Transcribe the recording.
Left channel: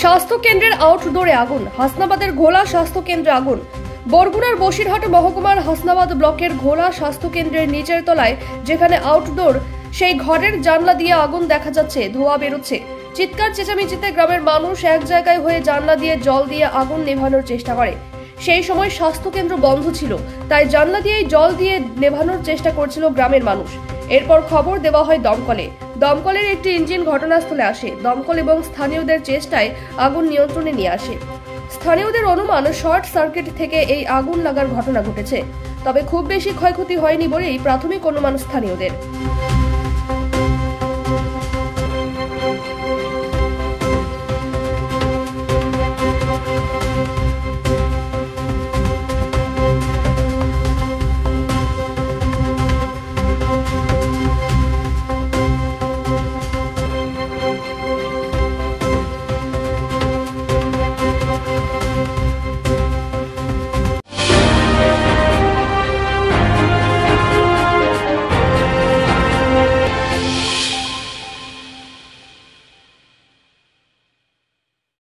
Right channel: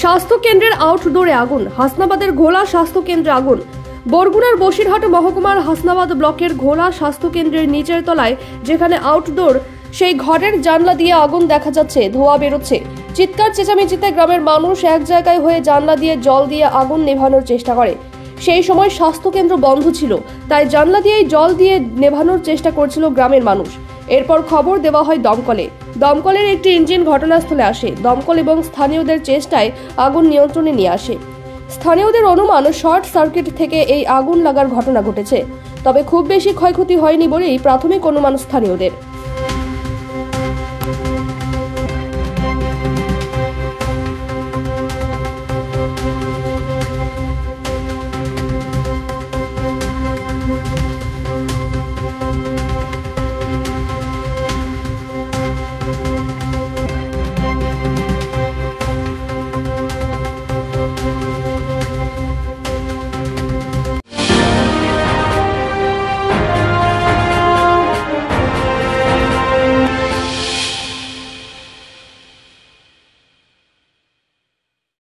স্বাস্থ্য কেন্দ্রের আউটডোরে আগুন, হাসনাবাদের ঘোলা স্বাস্থ্য কেন্দ্রে আগুন। বরগুনার বসিরহাট মহকুমার হাসনাবাদ ব্লকের ঘোলা স্বাস্থ্য কেন্দ্রের নিচের তলায় যেখানে আউটডোর, সেই ঘরের জানলা দিয়ে আগুন দেখা যাচ্ছে, ধোঁয়া বেরোচ্ছে। চিৎকার চেঁচামেচিতে গ্রামের মানুষ এক জায়গায় হয়ে জানলা দিয়ে জল দিয়ে আগুন নেভানোর চেষ্টা করে। সেই সময় স্বাস্থ্য কেন্দ্র বন্ধ ছিল, তাই জানলা দিয়েই জল দিয়ে নেভানোর চেষ্টা করছিল গ্রামের মানুষ। এরপর খবর দেওয়া হয় দমকলে। দমকলের একটি ইঞ্জিন ঘটনাস্থলে আসে। দমকল এবং স্থানীয়দের চেষ্টায় আগুন নিয়ন্ত্রণে নিয়ে আসে। স্থানীয়দের অনুমান শর্ট সার্কিট থেকে এই আগুন লাগার ঘটনা ঘটেছে, তবে খুব বেশি ক্ষয়ক্ষতি হয়নি বলেই প্রাথমিক অনুমান স্থানীয়দের।